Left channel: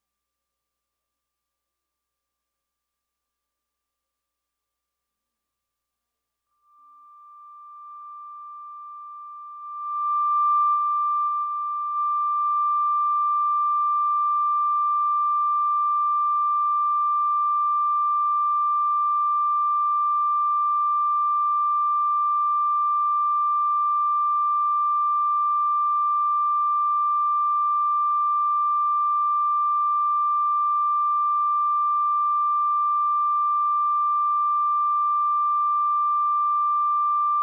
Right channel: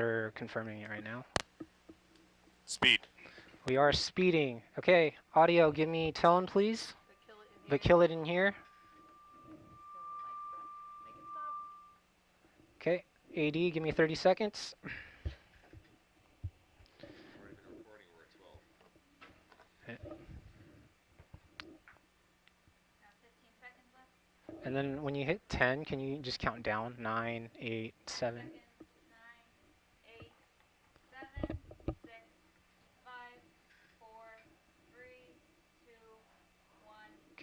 they're confirming it right now. Speed. We are speeding. Okay, audio, give me tone, please. But kill it in here. Okay, AD, give me 30 seconds. And then when you hit 10, can you just count down? 9, 8, 7.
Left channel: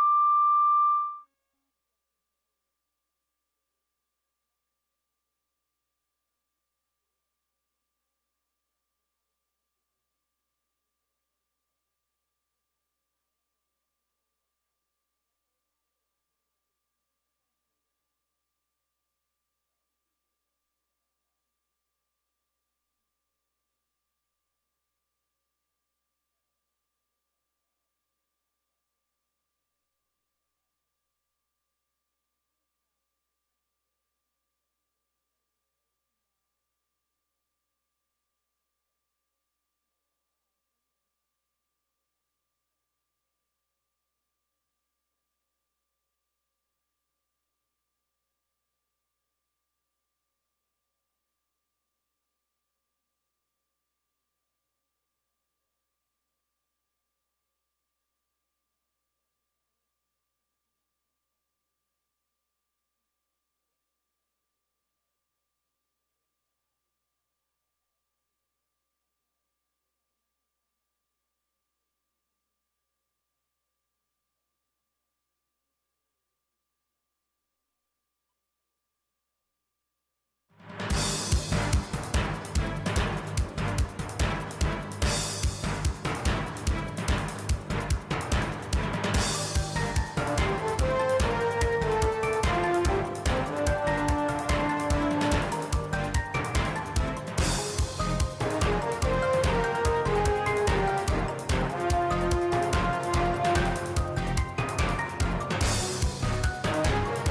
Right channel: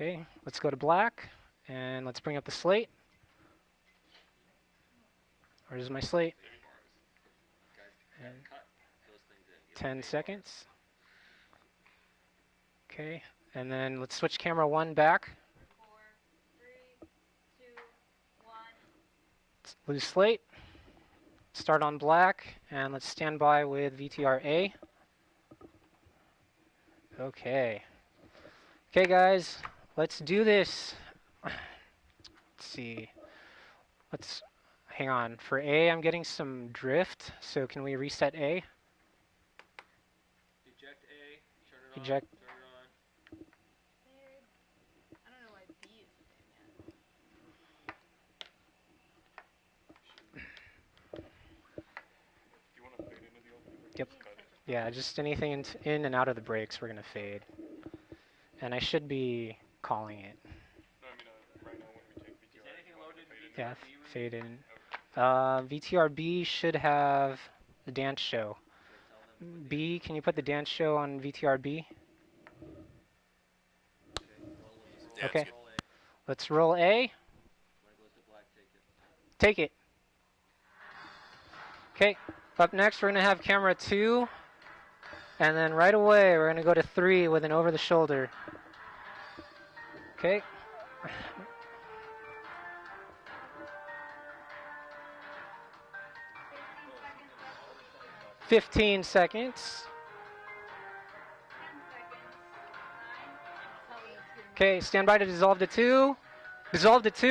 Okay, let's go to black, and let's bring up the slate. Where's my slate? And 10 seconds. Okay, and then let's switch camera 1 back. 4, 3, 2, 1. Lose slate. Start on black, and let's stand by with VTR-A. Okay. Okay, guys, let's do this. Let's see. Let's hang on. For A, I'm getting some drift, so can we reset A? Eject A, turn it Eject. on, turn it on. I don't know why B is Do you want to fade into the opening? Yep. Yeah, just anything in and out of the breaks, we're going to fade. And I should be calling it. No, I mean, right now when we take VTR. Is anything loaded in Yeah, VTR-B? fade in. VTR-B should have the dance show. B, can you put the dance show on VTR-B? Okay. Let's roll A. Take it. Okay, up next we're going to have camera 2. And then right away we're going to go to 3 with an over the shoulder. Okay. "15 seconds. Okay, stand by to dissolve the 2. Dissolve the 2.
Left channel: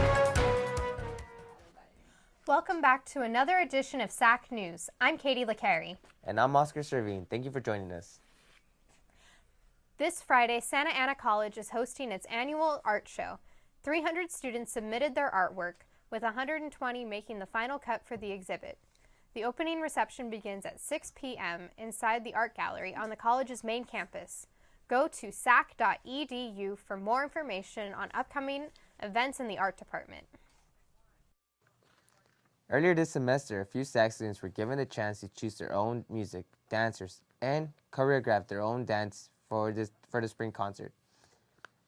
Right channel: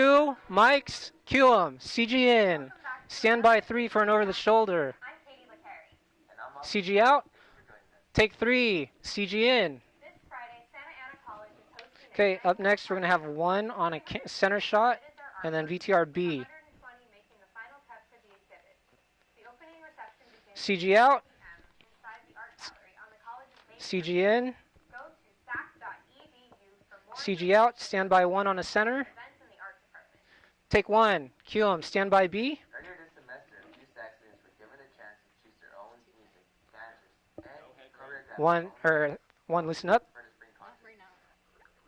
Mics, cue 'em. CG in. Welcome back to Stand another by 3 edition for an of over the SAC shoulder. News. I'm Katie LeCarry. And I'm Oscar CG Sherman. out. Thank you for joining us. Take 3. CG in. This Friday, Santa Ana College is hosting its Okay, annual up next we're art going to have show. 1 on a 300 center students shot, submitted their artwork, and then with VTR-B. 120 making the final cut for the exhibit. The opening reception begins CG at 6 out. p.m. inside the art gallery on the college's main CG campus. in. Go to sac.edu for more CG information out. Stand by 1 on upcoming the center. events in the art department. Take 1. Cue 'em. Stand by B. Earlier this semester, a few SAC students were given the chance to choose their own music, dancers, and choreograph One- their own or dance one for, listen up. for the spring concert.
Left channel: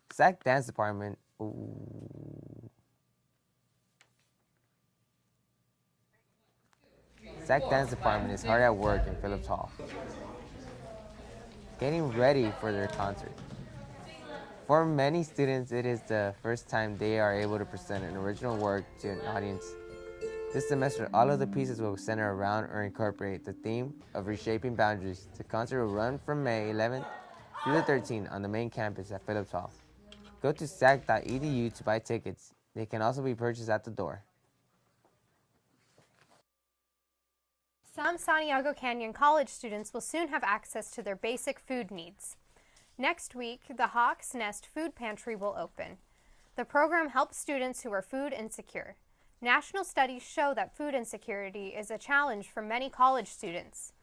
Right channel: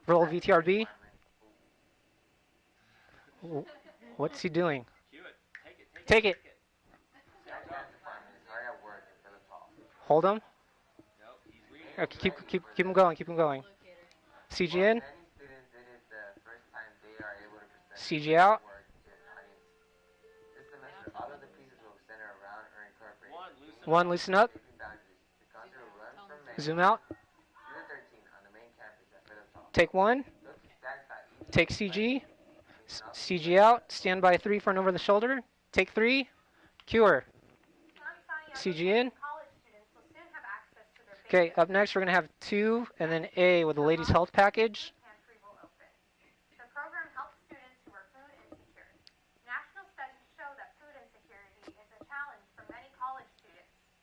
Roll SAC dance VTR-B. department. What's he doing? Take it. SAC dance department is hard at work in Phillips Hall, Hold him. getting Keep- ready keep for him their going. concert. Keep him going. CG For in. many students, it is the first time they are able to present an CG original out. work to an audience. This semester, all of the pieces will center around or incorporate the theme One, of listen up. reshaping boundaries. The concert will run from May Zoom 11th out. through the 13th on the main campus at Phillips Hall. Take 1. Go to sac.edu Take to buy CG. tickets. They can also be CG purchased out. at the door. Stand by 3 for an over the shoulder. Take 3. Cure. Some Santiago CG Canyon in. College students will soon have access to their Okay, basic up food next we're going to have needs. 2 and Next then A week, with the the ladies' Hawks health Nest package. Food Pantry will open. The program helps students who are food insecure. National studies show that food insecurity is a challenge for many college students.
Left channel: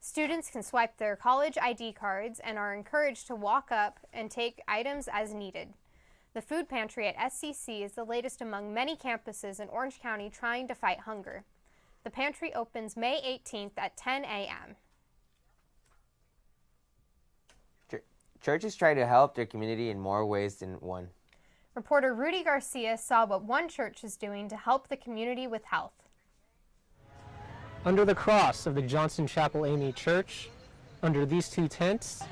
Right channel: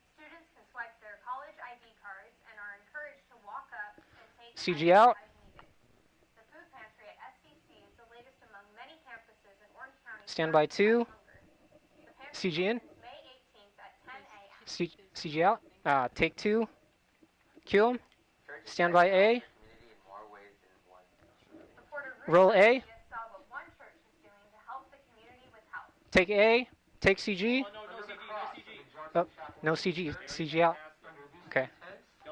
Students can swipe their college ID cards and are encouraged to walk up and take CG items out. as needed. The food pantry at SCC is the latest among many campuses in Orange County Stand trying by to 2. fight hunger. The pantry CG in. opens May 18th at 10 a.m. CG out. Take 2. Cue 'em. Churches Stand try to by help A. their community in more ways than one. Reporter Rudy Roll A. Garcia saw what one church is doing to help the community with health. Take A. Take CG. Under the cross of the Johnson Oh, Chapel no Indian CG. Church, CG out. under these Okay. two tents,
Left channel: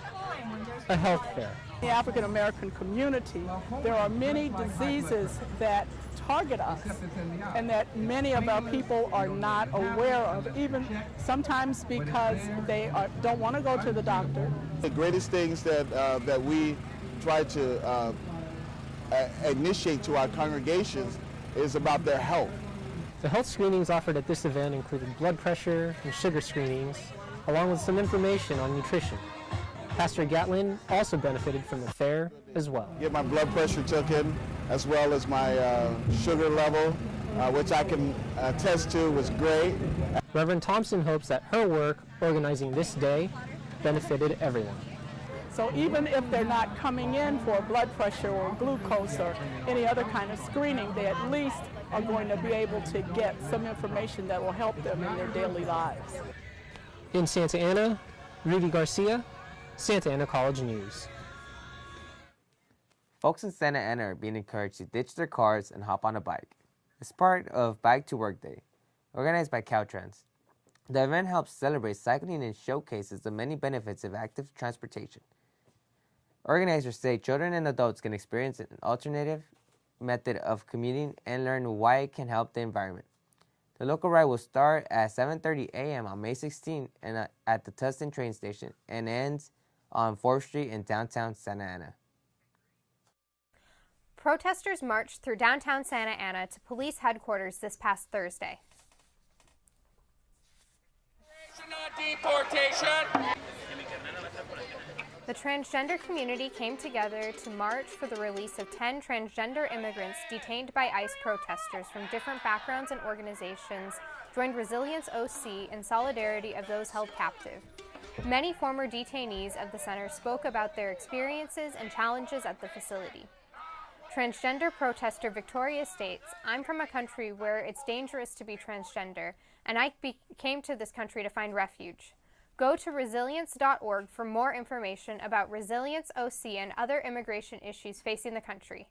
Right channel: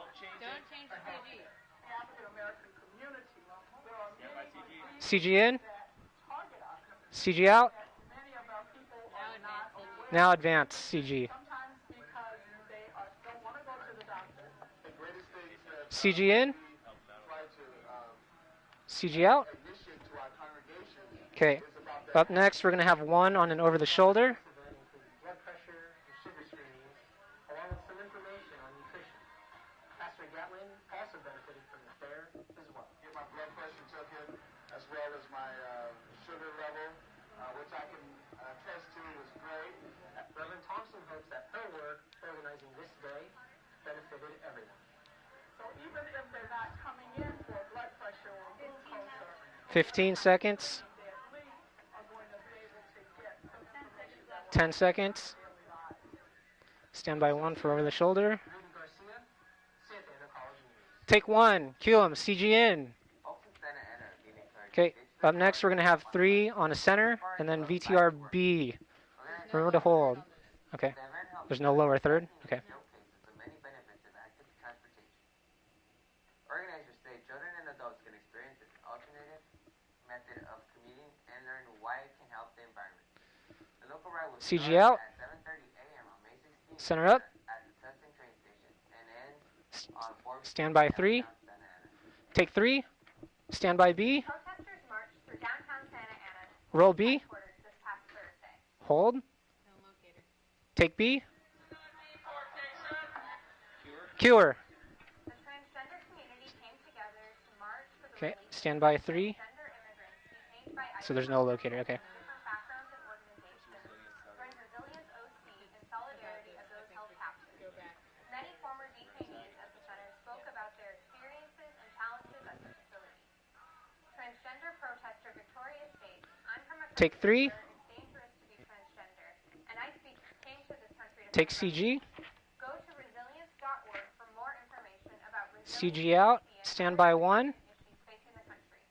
a health fair. The African American community, there are many diseases CG in. that target us, CG out. and that many of our people are not aware Now of. advance, even CG. sometimes because they don't want to go to the doctor. The greatest things that, CG that in. we try to CG out. initiate to our congregations Okay. is about their Up health. next, we're going to have The one health on and over the screenings offered shoulder. at this event included blood pressure and sugar screenings, along with some information on nutrition. Pastor Gatlin also benefited from the fair as well. Get my blood pressure taken, as well as my sugar level, which I can attest to was great. Reverend Thompson hopes that her work organizing this day benefited everyone. So even if they're not coming in for blood pressure or glucose or any other 15 kind seconds. of screening, they at least are going to be able to get some information that will 10 help them in seconds. their daily lives. Stand In by one Santa for over the Ana, shoulder. Rudy Garcia, Santa Ana College News. Take one. Cue 'em. CGN. Folks in Santa Ana are being encouraged Okay. to ditch their Up cars next, we're going to and have hop on a 3 bike. on a center, It's part and then of Bike to Work BTRB. Day, organized by Remember to hold. Caltrans. Okay. The event helps There's no lower celebrate third? cycling and Okay. showcases the many benefits of active transportation. Organizers say children and adults can experience an alternative method of commuting and learn why it can help the environment. The local ride will start CG out. at 7:30 a.m. on May 16th Center up. at the Tustin train station and ends on 4th Street Stand in by 3. downtown Santa Ana. Take 3. Stand by B. Protesters marched through downtown Santa Ana to Roll police B. headquarters this past Thursday. Hold. Take B. Cure. The transgender community came together to march for the Okay, release of stand 10 by 3. transgender immigrants detained by ICE So there's no protesters locator, okay. from different backgrounds and organizations joined Resilience OC in solidarity of those held captive. Many former detainees of the center spoke about their experiences and challenges at the facility. Transgender protester Victoria states, "I'm from a Take country 3. where it's dangerous to be transgender, and I came to this country to Take find CG. refuge." Go to resilience.org for more information about Resilience CG out. OC and Stand other by immigration 1. issues facing the country.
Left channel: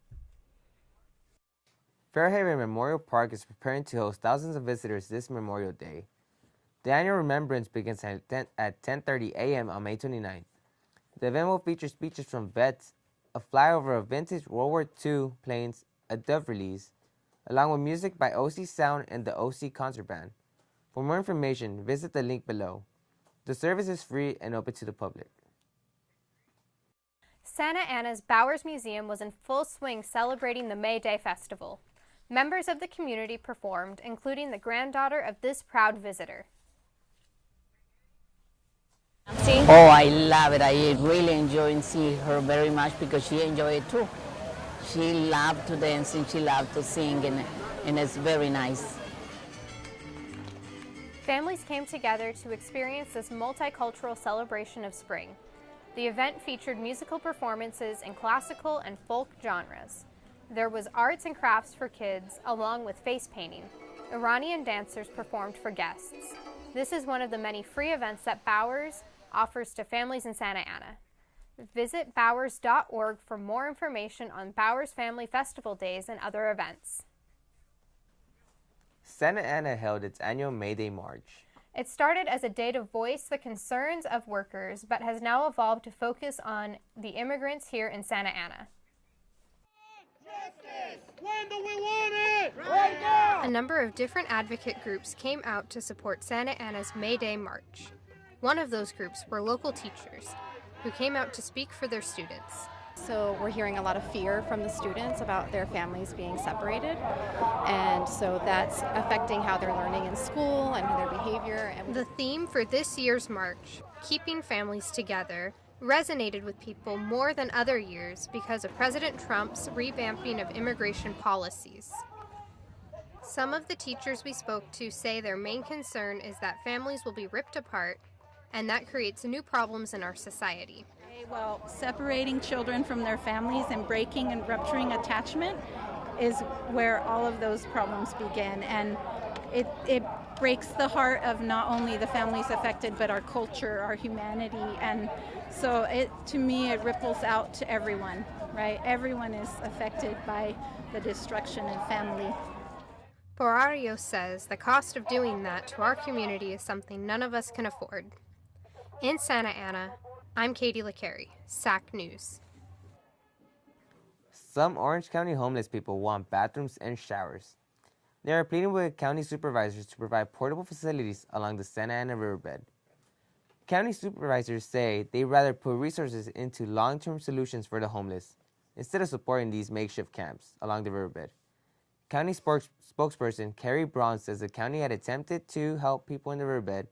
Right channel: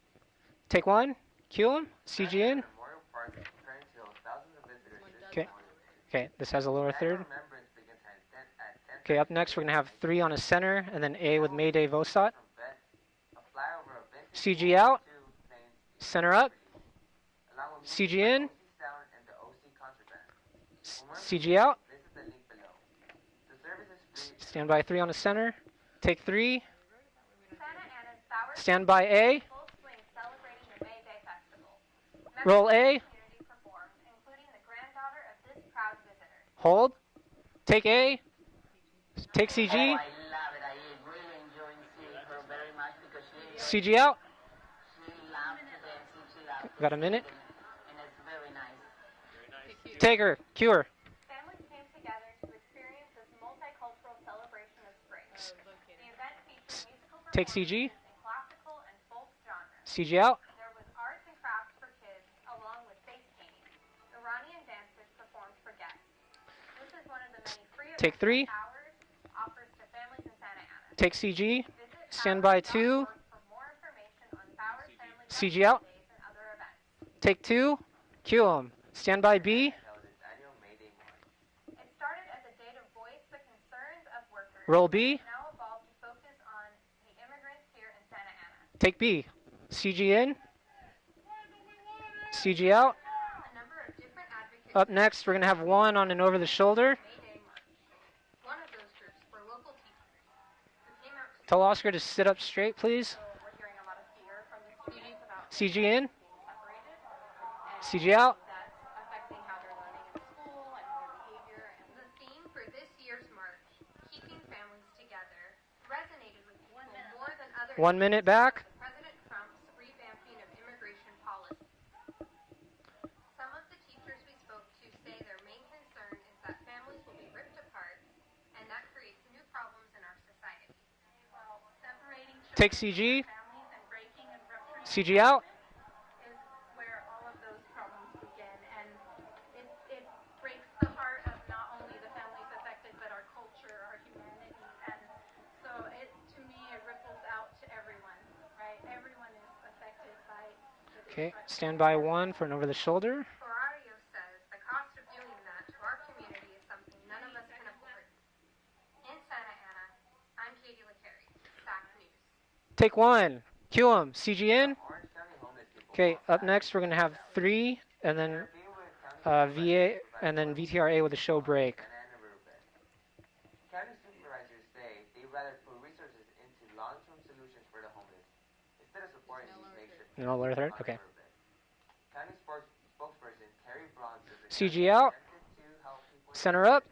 Take 1. Cue 'em. Fairhaven CGN. Memorial Park is preparing to host thousands of visitors this Okay. Memorial Day. Okay, this has a lower The annual third. remembrance begins at 10:30 Okay, up next, we're a.m. going to on May have 3 on a 29th. center, and then The A event with will Mayday feature speeches Vosot. from vets, a flyover of vintage CG World War out. II planes, Center a death up. release, along with music CG by in. OC Sound and the OC Concert Band. For more CG out. information, visit the link below. The service is free and Stand open by to the 3 on the public. center. Take 3. Santa Ana's Bowers Stand Museum by was A. in full swing celebrating the May Day Festival. Members Roll of A. the community performed, including the granddaughter of this proud visitor. Hold. Take A. Take See? CG. Oh, I love it. I really enjoy and see her very much because she enjoyed it CG too. out. She loved to dance and she loved to Got a sing, minute? and it's very nice. Take her. Cure. Families came together to experience this multicultural celebration of spring. The event featured musical Take CG. performances in classical and folk genres. CG out. There was arts and crafts for kids, along with face painting. Iranian dancers performed for guests. This is one of the many free events 3. that Bowers offers to families in Santa Ana. Take CG. Visit Stand by 2. bowers.org for more information on Bowers Family CG Festival out. Days and other events. Take 2. Cue 'em. Stand Santa by B. Ana held its annual May Day March. It started as a day to voice the concerns of workers, Roll but B. has now evolved to focus on the immigrants here in Santa Ana. Take B. CG in. CG out. A number of different advocate Up groups next, we're came gonna have out one to on and support over the Santa shoulder. Ana's May Day March. One of those groups were local teachers who came out to speak Tell for Oscar their to sit up students. straight, please. So we're hearing a lot of fear from the students about their CG families in. being separated, and CG so out. that's affecting how they're learning in school and their behavior. And The theme for this year's march, Keeping Families Together, resonated with people more than other 1 years minute back. because of President Trump's revamping of immigration policies. Some of the teachers we spoke to say their main concern is that families will be ripped apart, and that creates new problems in our society. Well, separating children from CG. their families and breaking and rupturing CG out. attachment is where all of those problems begin. And it breaks the heart of not only the families affected, but our culture, our humanity. And so to me, it ripples out to everyone, right? Everyone is affected by the Okay, destruction stand of by family. 1 for an over the shoulder. Borario says the cost of doing that to our community is something none of us can afford. In Santa Ana, I'm Katie LaCarey, SAC News. Take 1. Cue 'em. CG in. Some Orange County homeless people Okay, want up bathrooms next we're going to and have showers. 3, and then They are pleading with county supervisors VA to provide and then portable VTRA with a facilities show along the break. Santa Ana riverbed. County supervisors say they'd rather put resources into long-term solutions for the homeless instead of supporting these makeshift No, camps where they're- along the okay. riverbed. County spokesperson Carrie Braun says the county CG had out. attempted to help people in the Center roadbed, up.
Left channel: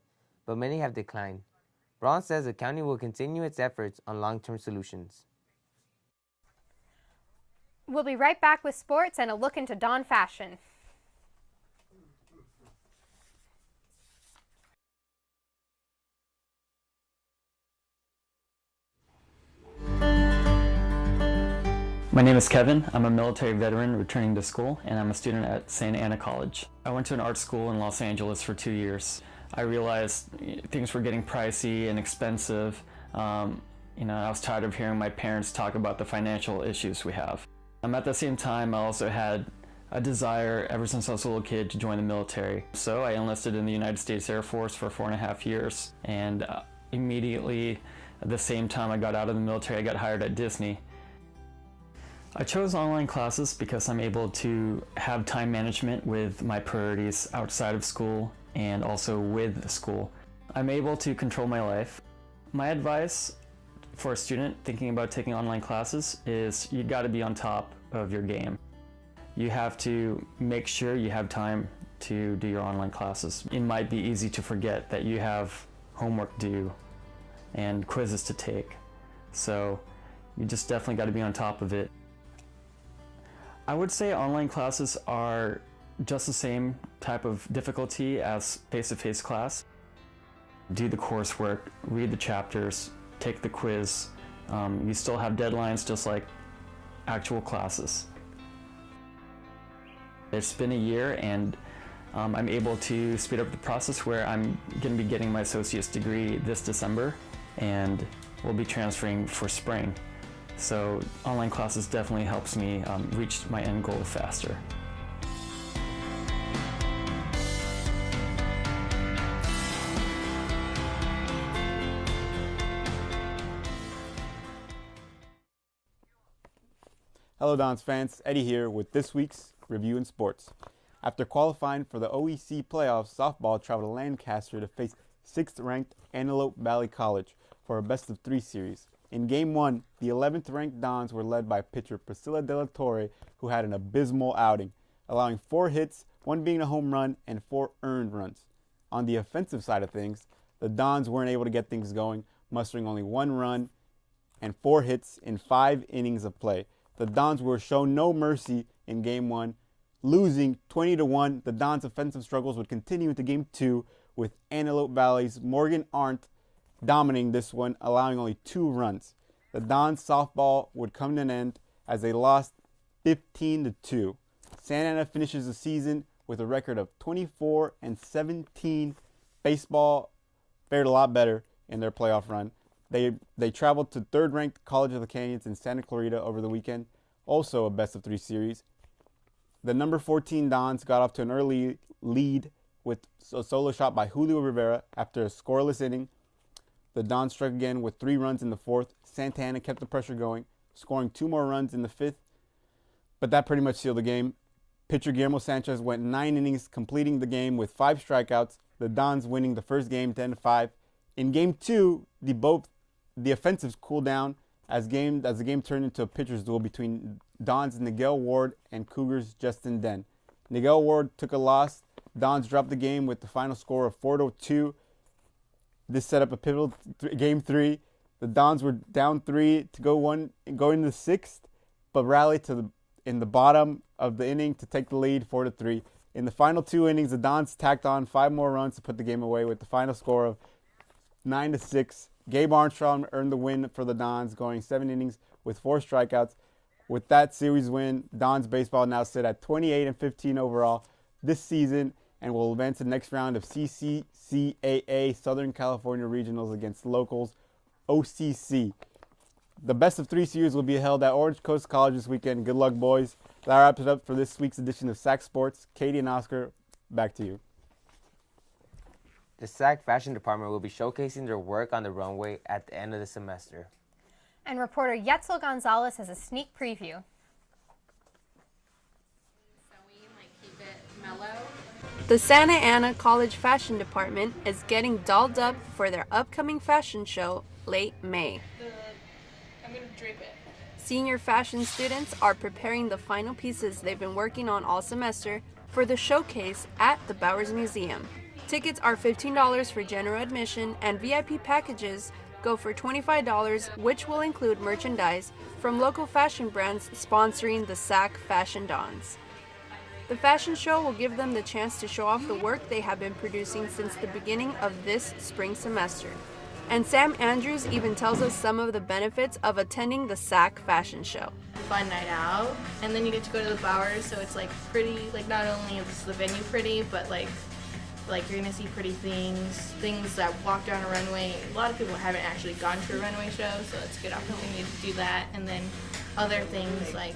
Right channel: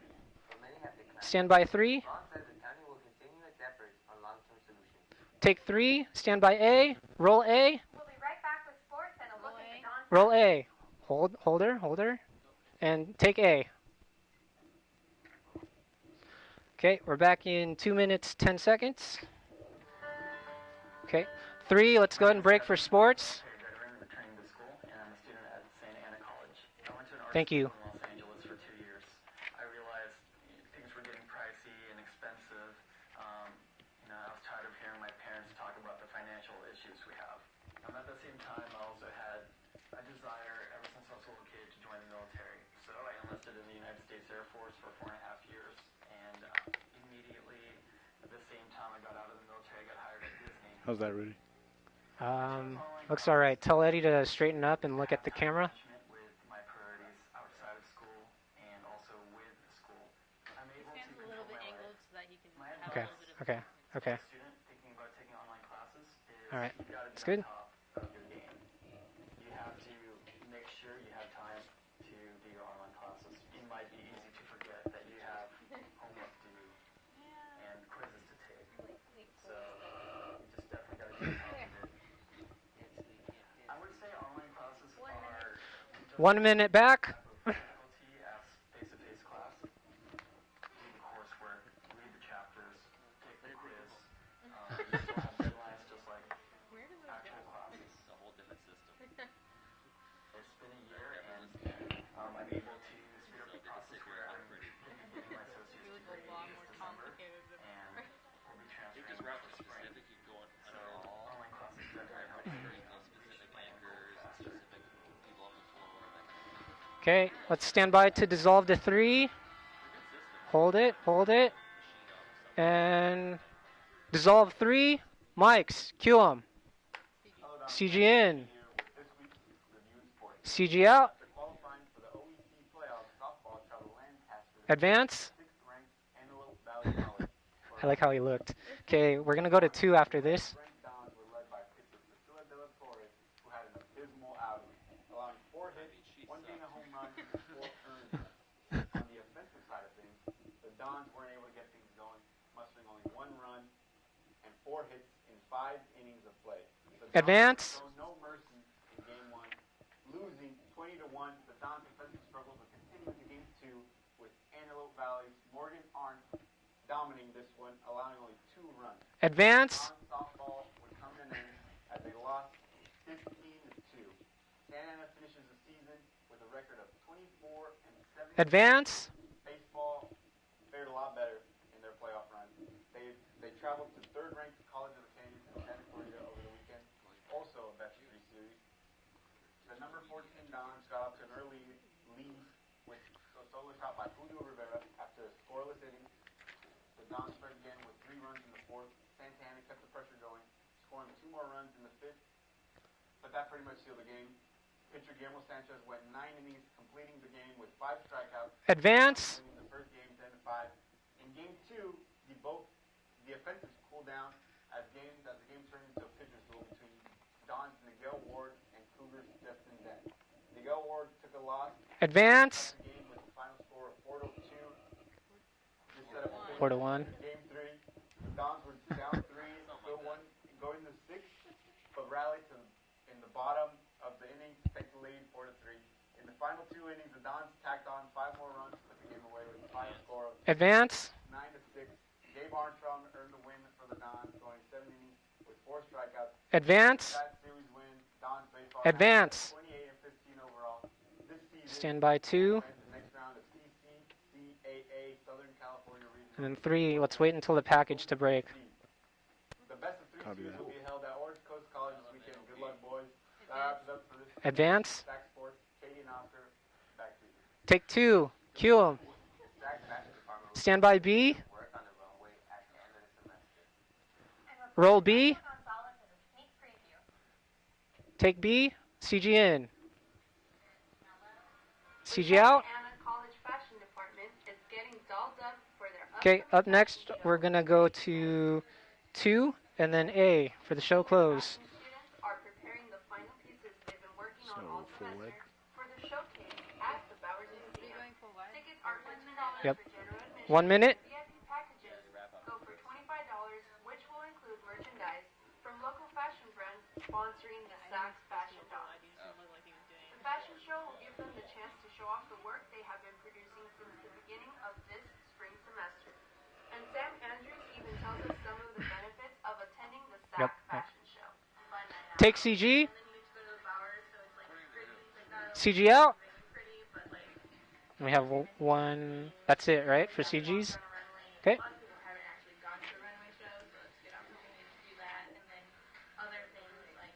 but many have declined. Stand by 3. Braun says the county will continue its efforts on long-term solutions. Take 3. Stand by A. Roll A. We'll be right back with sports and a look into Dawn fashion. Roll A. Hold her. And take A. Okay, we're back in 2 minutes, 10 seconds. Okay, 3, let's My go name to is break Kevin. for sports. I'm a military veteran returning to school, and I'm a student at Santa Ana College. I went to an art school in Los Angeles for 2 years. I realized things were getting pricey and expensive. I was tired of hearing my parents talk about the financial issues we have. At the same time, I also had a desire ever since I was a little kid to join the military. So I enlisted in the United States Air Force for 4.5 years, and immediately at the same time I got out of the military, I got hired at Disney. How's that ready? I chose online That's classes alright. Tell because I'm Eddie to able straighten up and to look at have the time camera. management with my priorities outside of school and also with school. I'm able to control my life. My advice for a student thinking about taking online classes is you got to be on top of your game. You have to make sure you have time to do your online classes. It might be easy to forget that you have homework due and quizzes to take. So you just definitely got to be on top of it. I would say online classes are just the same type of difficulty as face-to-face class. Do the coursework, read the chapters, take the quiz. You still have deadlines just like actual classes. It's been a year and I'm able to speed up the process where I'm going to be getting my associate's degree this December and we'll be transferring for spring. So online classes definitely helps me reach my end goal faster. Okay, let's stand by to dissolve the 3. Hold it. And dissolve 3. Mics, cue 'em. Hello, Don's CG fans. in. Eddie here with this week's Review in Sports. CG out. After qualifying for the OEC playoffs, softball traveled to Lancaster to Advance. face 6th-ranked Antelope Valley College for a I like how he best-of-3 looked. series. Okay, In we're Game gonna go to 1, 2 after the this. 11th-ranked Dons were led by pitcher Priscilla De La Torre, who had an abysmal outing, allowing 4 hits, 1 being a home run, and 4 earned runs. On the offensive side of things, the Dons weren't able to get things going, mustering only 1 run and 4 hits in 5 innings of play. The Dons were shown no mercy in Game 1, losing 20-1. The Dons' offensive struggles would continue into Game 2, with Antelope Valley's Morgan Arndt dominating this one, allowing only 2 runs. Advance. The Dons' softball would come to an end as they lost 15-2. Santa Ana finishes the season with a record of 24-17. Advance. Baseball fared a lot better in their playoff run. They traveled to 3rd-ranked College of the Canyons in Santa Clarita over the weekend, also a best-of-3 series. The number 14 Dons got off to an early lead with a solo shot by Julio Rivera after a scoreless inning. The Dons struck again with 3 runs in the 4th. Santa Ana kept the pressure going, scoring 2 more runs in the 5th, but that pretty much sealed the game. Pitcher Guillermo Sanchez went 9 innings, completing the game with 5 strikeouts. Advance. The Dons winning the first game 10-5. In Game 2, the offensives cooled down as the game turned into a pitcher's duel between Dons' Nigel Ward and Cougars' Justin Den. Nigel Ward took a loss. Advance. Dons dropped the game with the final score of 4-2. This set up a pivotal Game 3. The Dons were down 3 to go into the 6th, but rallied in the bottom of the inning to take the lead 4-3. In the final 2 innings, the Dons tacked on 5 more runs to put the game away with the final score of 9-6. Gabe Armstrong earned the win for the Dons, going 7 innings with 4 strikeouts. Advance. With that series win, Dons baseball now sit at 28-15 overall this season, Stand by and 2. will advance to the next round of CCCAA Southern California Regionals And against 3. local Let's wait until the package to break. OCC. The best-of-3 series will be held at Orange Coast College this weekend. Good luck, boys. That wraps it up for this week's edition of SAC Sports. Katie and Oscar, back to you. Take 2. Cue 'em. The SAC Fashion Department will Stand be by showcasing B. your work on the runway at the end of the semester. And reporter Roll B. Yetzel Gonzalez has a sneak preview. Take B. CG in. The CG Santa out. Ana College Fashion Department is getting dolled up for their upcoming up fashion next, show we're gonna go late to May. 2. And then A for the show Senior close. fashion students are preparing the final pieces they've been working on all semester for the showcase at the Bowers Museum. Tickets are $15 for general admission, 1 minute. and VIP packages go for $25, which will include merchandise from local fashion brands sponsoring the SAC Fashion Dons. The fashion show will give them the chance to show off the work they have been producing since the beginning of this spring semester. And Sam Andrews even tells us some of the benefits of attending the SAC fashion show. Fun night out. Take CG. And then you get to go to the Bowers, so it's like pretty, like not only CG is out. the venue pretty, but like We you're have gonna see one- pretty things. that's it, things right? The that walk CGs? down a runway. Okay. A lot of people haven't actually gone to a runway show, so it's a good opportunity to do that. And then other things like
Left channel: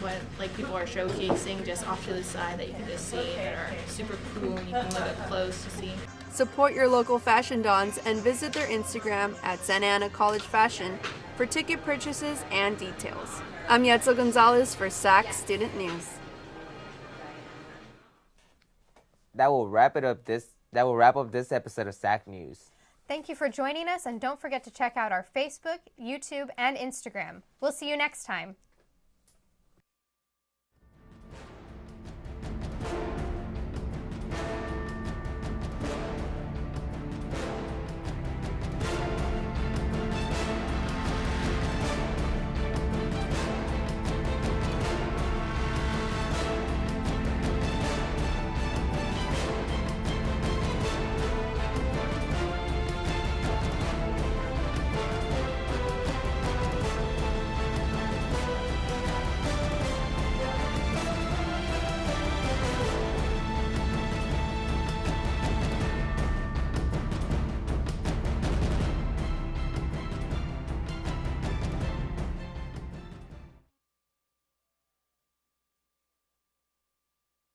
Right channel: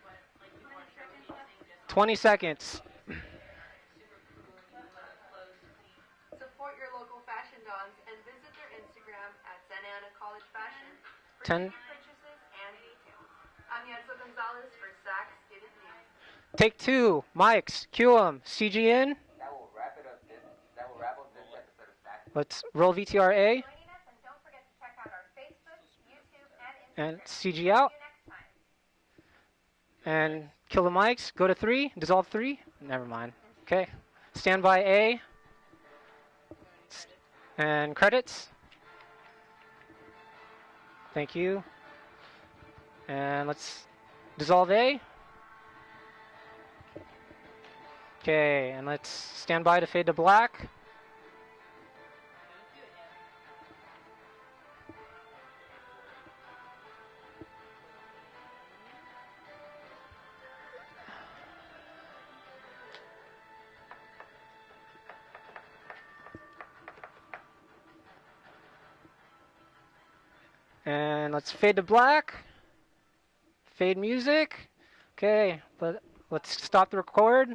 what like people are showcasing just off 20 to the side seconds. that you can just see that are super cool and you can look up close to see. Support your local fashion dons and visit their Instagram at Santa Ana College Fashion for 10. ticket purchases and details. I'm Yetzel Gonzalez for SAC Student News. Take 2. Mics. Cue 'em. CG in. That will wrap up this episode of SAC News. Let's roll Thank VTRA. you for joining us, and don't forget to check out our Facebook, YouTube, and Instagram. CG we'll out. see you next time. And kill the mics. Go to 3. Dissolve 3. Never mind. Okay. Stand by A. And credits. Thank you. And let's dissolve A. Okay, let's stand by to fade to black. And let's fade to black. Fade music. Okay, let's stop the record.